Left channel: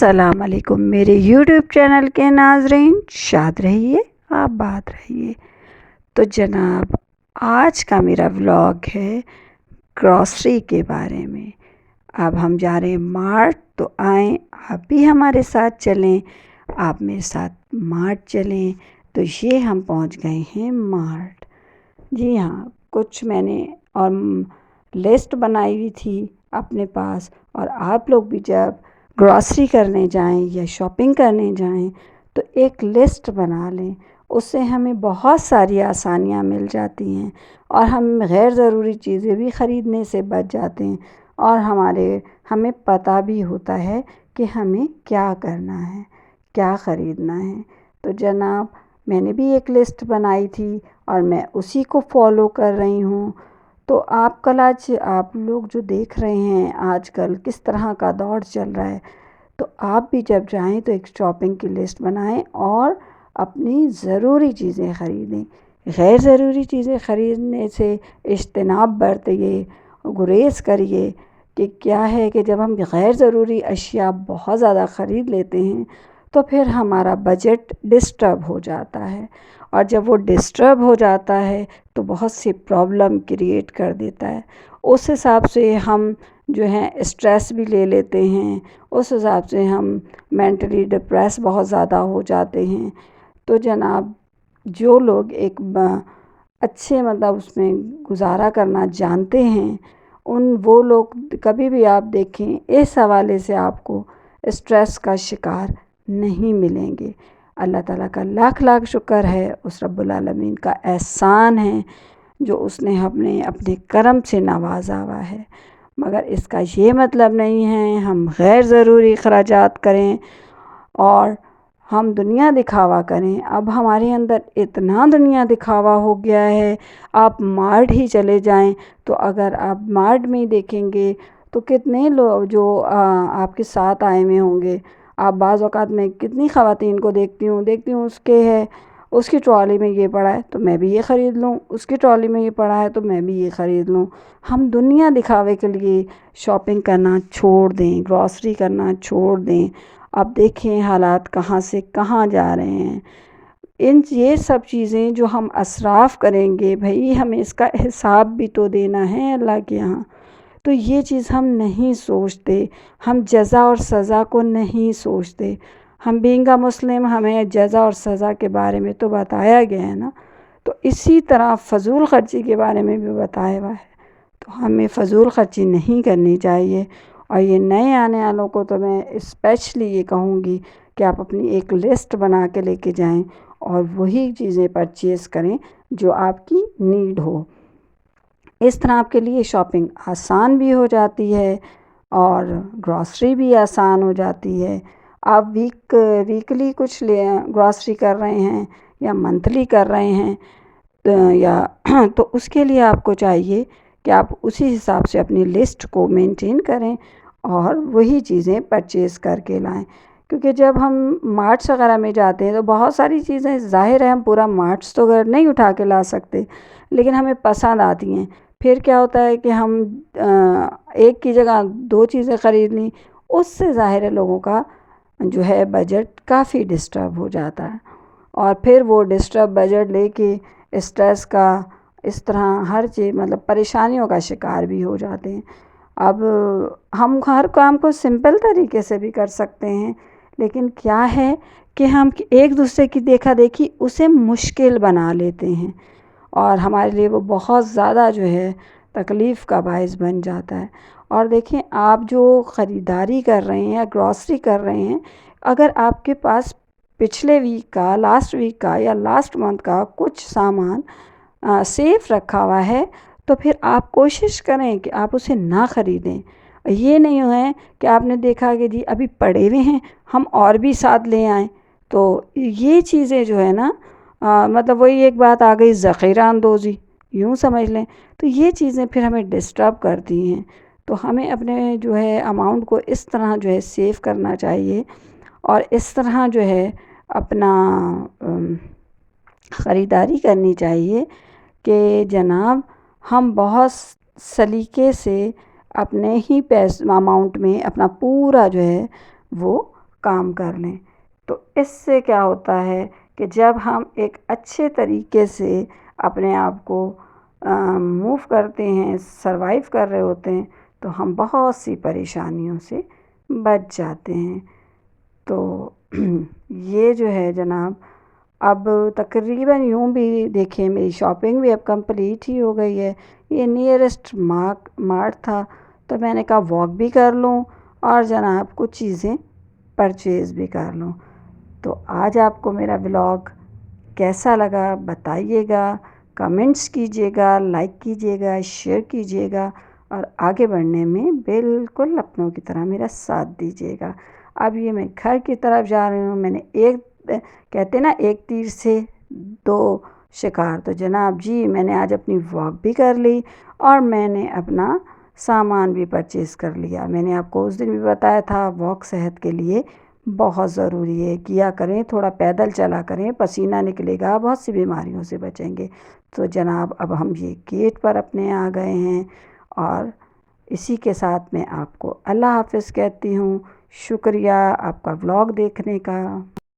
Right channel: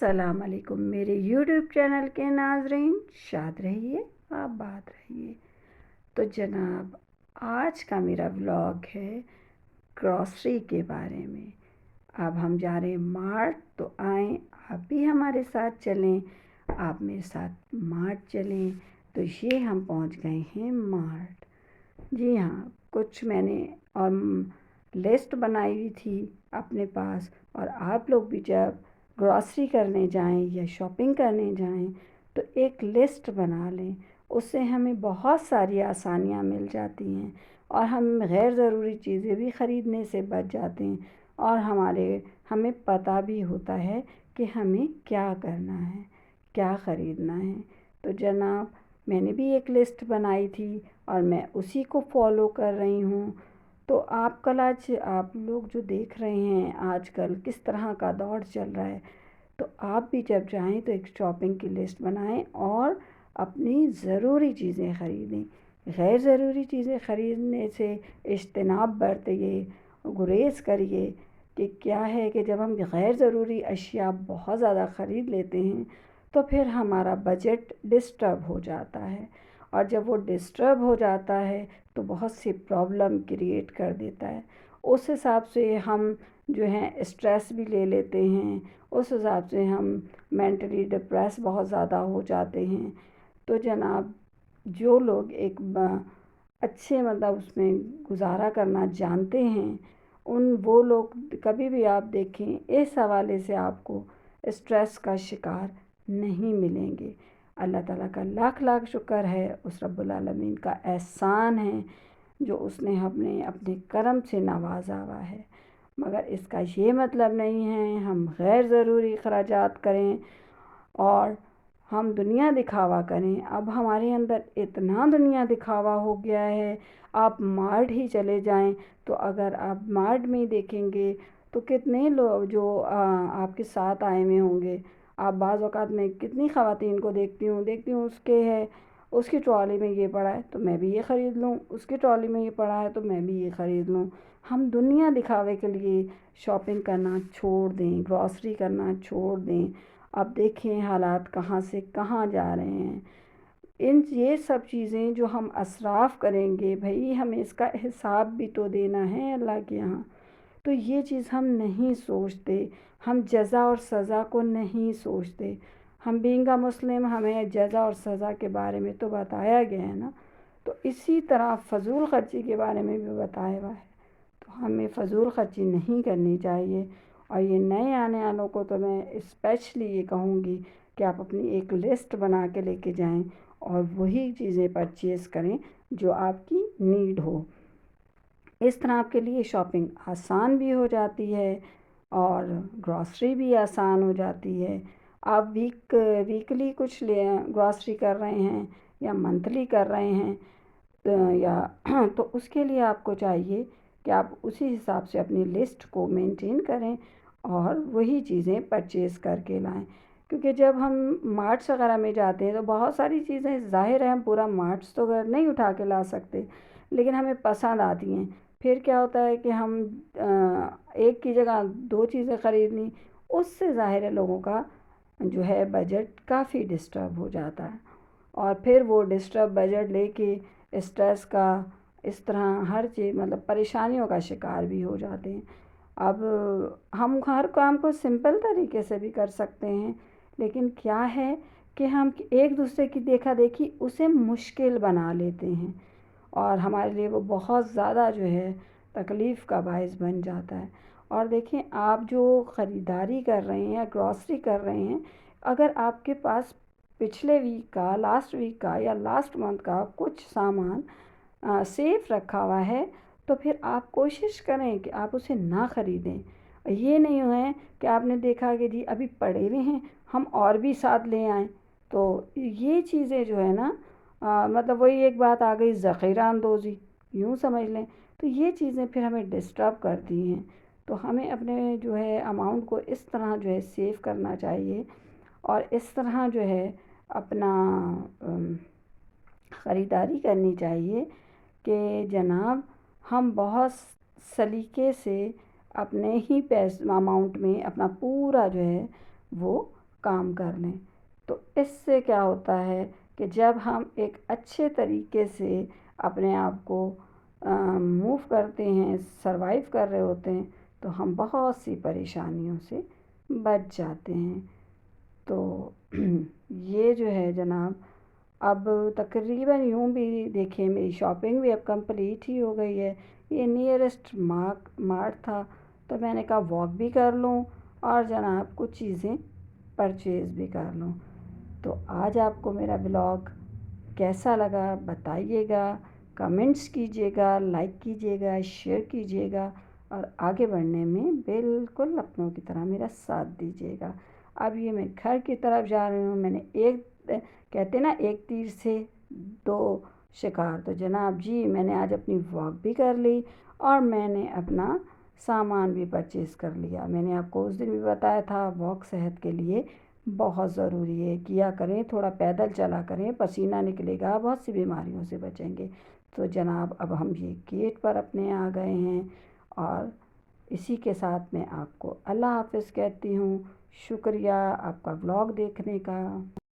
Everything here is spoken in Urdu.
السلام علیکم میرے یوٹیوب چینل کے ناظرین، شاد رہیے، آباد رہیے۔ تو جناب، آج کا میرا ولاگ ہے گروسری کے بارے میں۔ اب ہم جا رہے ہیں مارٹ، تو آئیں آپ بھی ہمارے ساتھ چلیں، آپ میرے ساتھ مارٹ چلیں۔ تو یہ ہم پہنچ گئے ہیں مارٹ۔ جی ہاں، کچھ میں نے اور لسٹ بنائی ہوئی تھی اپنے پاس، اور آپ لوگ بھی جب گروسری کرنے جائیں یا شاپنگ کرنے جائیں تو ایک لسٹ بنا لیں، اس سے ہمیں بہت ساری آسانیاں مل جاتی ہیں، اور ہم غیر ضروری چیزیں بھی خریدنے سے بچ جاتے ہیں، اور ہمیں پتہ بھی ہوتا ہے کہ ہمیں کیا کرنا ہے، کیا خریدنا ہے۔ تو جناب، میں نے بھی ایک لسٹ بنائی تھی اور میں اسی کو فالو کر رہی ہوں۔ تو آپ لوگ جو دیکھ رہے ہیں آج کل کس طرح کا دور چل رہا ہے، تو آپ بھی جب جائیں تو ایک شاپنگ کی لسٹ بنائیں اور اپنی ضروری چیزیں خریدیں۔ غیر ضروری چیزیں خریدنے سے اجتناب برتیے، گریز کریے۔ کہ کیا ہے کہ جب ہم غیر ضروری اشیاء بہت زیادہ خرید لیتے ہیں تو پھر ہمارا بجٹ ڈسٹرب ہو جاتا ہے، اور جب وہ ڈسٹرب ہو جاتا ہے تو بہت سی پرابلم کریٹ کر دیتا ہے۔ اس حساب سے ہم جو ہیں اسٹریس بھی لے لیتے ہیں، اس حساب سے ہم مینٹلی ڈپریس بہت زیادہ ہو جاتے ہیں۔ تو جناب، جو لوگ ایک اچھے اس میں گزارا کرنا جانتے ہیں، وہ لوگ کبھی بھی آپ دیکھیں اس حوالے سے آپ کو اسٹریس کا شکار نہیں ملیں گے۔ اللہ تعالیٰ کا لاکھ لاکھ شکر ہے، اس رب العالمین کا احسان ہے جو اس نے اپنے کرم سے نوازا ہوا ہے۔ مگر اس کا یہ مطلب نہیں ہے ہم غیر ضروری اخراجات کریں اور ہم دنیا دکھاوا کریں۔ اب ہمارے اندر اتنا دنیا دکھاوا ہو گیا ہے، آپ مارٹ ہی چلے جائیں تو اگر آپ مارٹ میں ہی دیکھیں گے تو کتنے لوگ جو آپ کے ساتھ آئے ہوئے ہوں گے، آپ بعض اوقات میں کتنی خواتین کو دیکھتی ہوں اس کی ٹرالی میں یہ پڑا ہے تو میں بھی یہ خرید لوں، اس کی ٹرالی میں یہ پڑا ہے تو میں بھی یہ خرید لوں۔ ہم دنیا دکھاوے کے لیے شاپنگ کرنا چھوڑ دیں، گروسری کرنا چھوڑ دیں۔ اب دیکھیں حالات کہاں سے کہاں جا رہے ہیں۔ یہ سب چیزیں جو ہم اسراف کریں گے، بھئی ہمیں اس کا حساب بھی تو دینا ہے اللہ کے یہاں۔ تو یہ چیز ہم نہیں سوچتے، ہم جزا اور سزا کو نہیں سوچتے۔ ہم بینگ اے مسلم، ہمیں جزا اور سزا کے بارے میں تو بتایا گیا ہے نا، تو اسی طرح فضول خرچی کے بارے میں بھی بتایا ہوا ہے۔ تو ہمیں فضول خرچی نہیں کرنی چاہیے، اور یہ نئے آنے والوں کو تو میں اسپیشلی یہ کہوں گی کہ آپ اپنی ایک لسٹ بنا کے لے کے جائیں اور وہی چیزیں پرچیز کریں جو آپ کی نیڈ ہو۔ اس طرح آپ کے لیے شاپنگ آسان بھی ہو جاتی ہے اور گروسری بھی آسان ہو جاتی ہے۔ آپ ویکلی کچھ گروسری کر رہے ہیں یا منتھلی کر رہے ہیں تو اس کے لیے آپ کو چاہیے کہ آپ اسی حساب سے اپنی لسٹ کو مینٹین کریں اور وہی چیزیں پرچیز کر کے لائیں۔ کیونکہ جب ہم مارٹس وغیرہ میں جاتے ہیں تو بہت ساری چیزیں، ظاہر ہے ہم پورا مارٹس تو گھر نہیں اٹھا کے لا سکتے، لیکن ہمیں پسند آتی ہیں۔ پھر کیا ہوتا ہے کہ ہم ایک کی جگہ 2 چیزیں خرید لیں، اس سے ظاہر ہے لوگوں کا جو ہے بجٹ کافی ڈسٹرب ہو جاتا ہے، اور پھر وہ ڈسٹرب بجٹ لے کے اسٹریس کا اس طرح ہر چیز پریشانیوں کا شکار بھی ہو جاتے ہیں۔ اب ہم ہر کام کو سمپل طریقے سے بھی کر سکتے ہیں، لیکن کیا ہے کہ ہم ایک دوسرے کی دیکھا دیکھی اسے مشکل بنا لیتے ہیں، اور ہمارے لیے وہ بہت زیادہ جو ہے تکلیف کا باعث بن جاتا ہے۔ اور دیکھیں، آپ جو خریداری کر رہے ہیں یا گروسری کر رہے ہیں، اگر آپ کے پاس پچھلے ویک کا، لاسٹ ویک کا یا لاسٹ منتھ کا کچھ سامان سیف رکھا ہوا ہے تو پھر آپ کوشش کریں کہ آپ اسے نہ خریدیں۔ یہ نہیں ہے کہ آپ نے دیکھا کہ جی ابھی پڑے ہوئے ہیں، ہم اور بھی ساتھ لے آئیں۔ تو یہ چیزیں جو ہے نا، وہی ایک بات آ گئی، ذخیرہ اندوزی، یوں سمجھ لیں۔ تو یہ چیزیں پھر ہمیں ڈسٹرب کرتی ہیں۔ تو ہمیں اپنے جو ہے اماؤنٹ کو اس طرح جو ہے سیو کرنا چاہیے، اور اس طرح جو ہے اپنا خریداری کرنی چاہیے کہ جناب ہم بہت سلیقے سے اپنے ہی اماؤنٹ میں اپنا پورا جو ہے وہ کام کر لیں۔ تو اس سے کیا ہوتا ہے کہ جب ہم ایک اچھے طریقے سے اپنے آپ کو موو کرتے ہیں، سروائیو کر رہے ہوتے ہیں، تو ہم بہت سی پریشانیوں سے بچ جاتے ہیں۔ تو یہ جو ہے جناب، اب تقریباً یوں بھی دیکھیں میری شاپنگ بھی اب کمپلیٹ ہی ہو گئی ہے۔ یہ نیئرسٹ مارٹ تھا، تو میں نے کہا واک بھی کر لوں اور جناب کچھ چیزیں پرچیز بھی کر لوں۔ تو آج آپ کو میرا ولاگ کیسا لگا بتائیے گا، کمنٹس کیجیے گا، لائک کیجیے گا، شیئر کیجیے گا، اور آگے بڑھنے میں بالکل اپنوں کی طرح میرا ساتھ دیجیے گا۔ اب یہ میں گھر کی طرف جا رہی ہوں۔ میں نے کہتے نا ایک تیر سے دو شکار، تو جناب جی میں نے آج اپنی واک بھی کر لی اور میں نے اپنا سامان بھی پرچیز کر لیا۔ میں نے آپ کو اس دن بھی بتایا تھا واک صحت کے لیے بہت ضروری ہے، کیا کریں، تھوڑا پیدل چلا کریں، پسینہ نکلے گا، بہت سی بیماریوں سے بچیں گے۔ تو جناب اب ہم یہ گیٹ پر اپنے آ گئے ہیں، اور اسی کے ساتھ میں آپ کو اللہ حافظ کہتی ہوں۔ شکریہ آپ کا ولاگ دیکھنے کا۔